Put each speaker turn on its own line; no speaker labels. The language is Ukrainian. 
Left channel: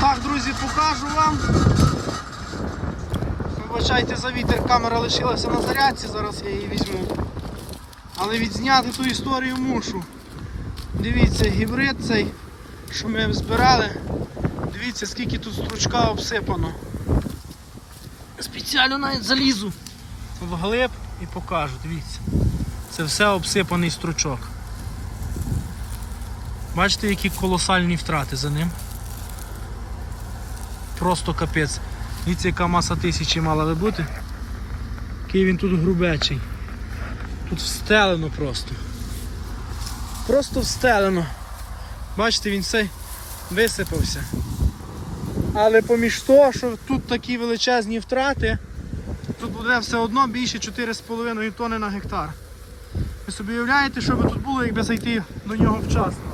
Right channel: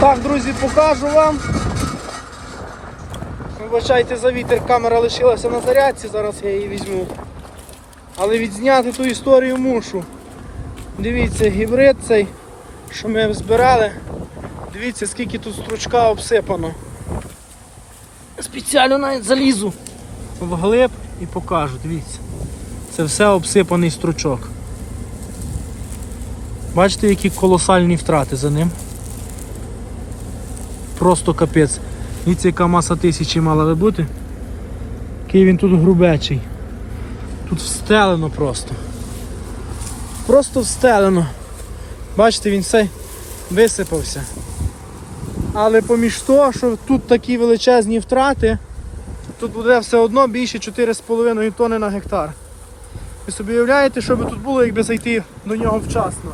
Так, друзі, покажу вам. Вибачайте за вітер, камера лишилася на зарядці, зараз я її візьму. Але відзняти ту історію мушу. Дивіться, гібрид цей, що ми збирали. Дивіться, скільки тут стручка обсипано. Спеціально навіть залізу вглиб і покажу, дивіться. Це все обсипаний стручок. Бачите, які колосальні втрати за ним. Просто капець. Дивіться, яка маса тисячі мала би бути. Який він тут грубечий. Тут встелено просто. Просто встелено. Бачите, він все висипався. Але поміж того, що тут такі величезні втрати, тут буде все одно більше 4,5 тонни на гектар. Ви собі уявляєте, що би тут було, якби зайти до нього вчасно.